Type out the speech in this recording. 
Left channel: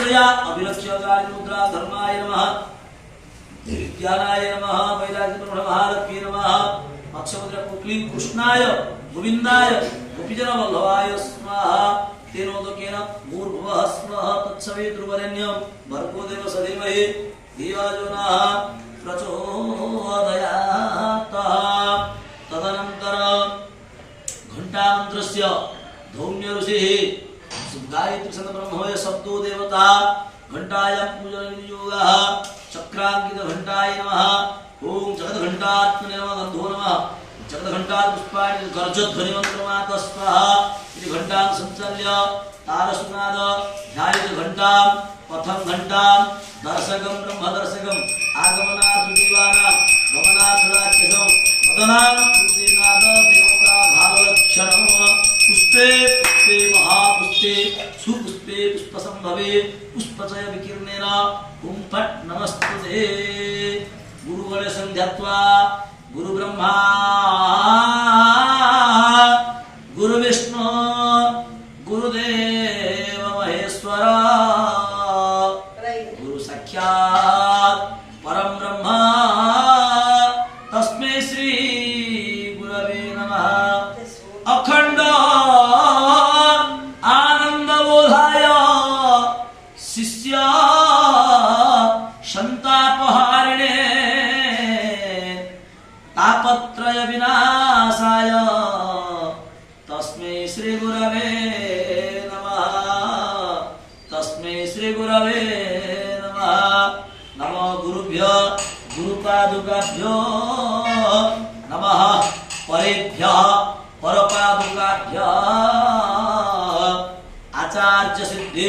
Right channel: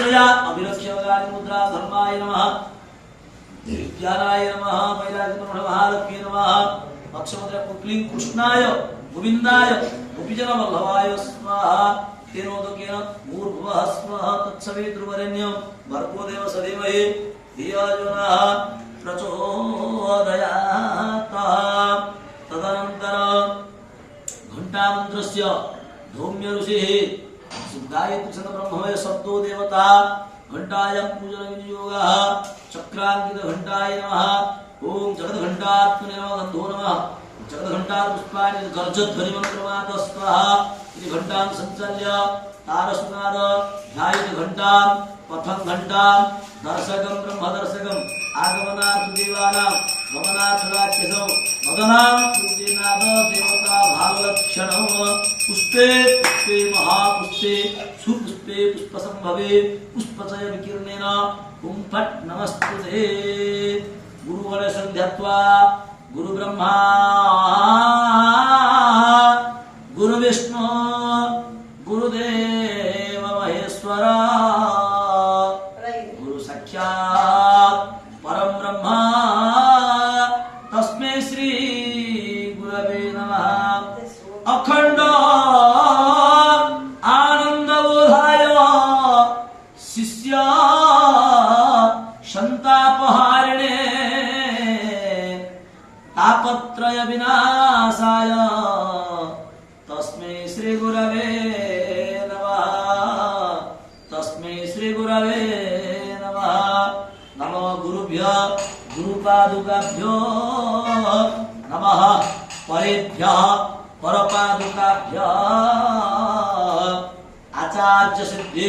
श्रया अभिलक्ष्य काली मुद्रा धर्माय नमः ज्ञानाय नमः वैराग्य महालक्ष्मी नमः मत्स्यमुद्रा पुक्ली कृष्णाय गोविंदाय गोपीजन वल्लभाय स्वाहा तेनोदकेन भूर्भुवः स्वः तत्सवितुर्वरेण्यं भर्गो देवस्य धीमहि धियो यो नः प्रचोदयात्। तदनन्तरं घण्टामन्त्रस्य धौम्य ऋषिः गायत्री संग ब्रह्मवय शब्दो देवता घंटायां पूजन विनियोगः चक्रांकित घंटाय नमः ओम जगत घंटात्मने नमः गंधो नमः जगत घंटा पुष्पाणि गर्जध्वनि मंत्रमात स्वाहा इति घंटां संचाल्य तारसुनाद ध्यायेत घंटां पथं घंटां दर्शकं ब्रह्म दर्शकं आगमनार्थ देवानां गमनार्थ राक्षसं मदनात् पुष्टिनाद देवता भावलक्षणं पुष्पे पुष्पे महापुष्पे सुपुष्पे पुष्पसंभवे पुष्पचय विकीर्णेन ओम फट् नमस्तुते। गुरुवरे संध्यात्वा गुरु ब्रह्मा गुरु विष्णु गुरुदेव महेश्वर गुरु साक्षात् परम ब्रह्म तस्मै श्री गुरवे नमः। अखंड आनंदबोधाय शिष्य संतापहारिणे तापत्रय विनाशाय तस्मै श्री गुरवे नमः। तस्मै श्री गुरवे नमः। नमो गुरुभ्यो गुरुपादुकाभ्यो नमः। परेभ्यः परपादुकाभ्यः आचार्य सिद्धि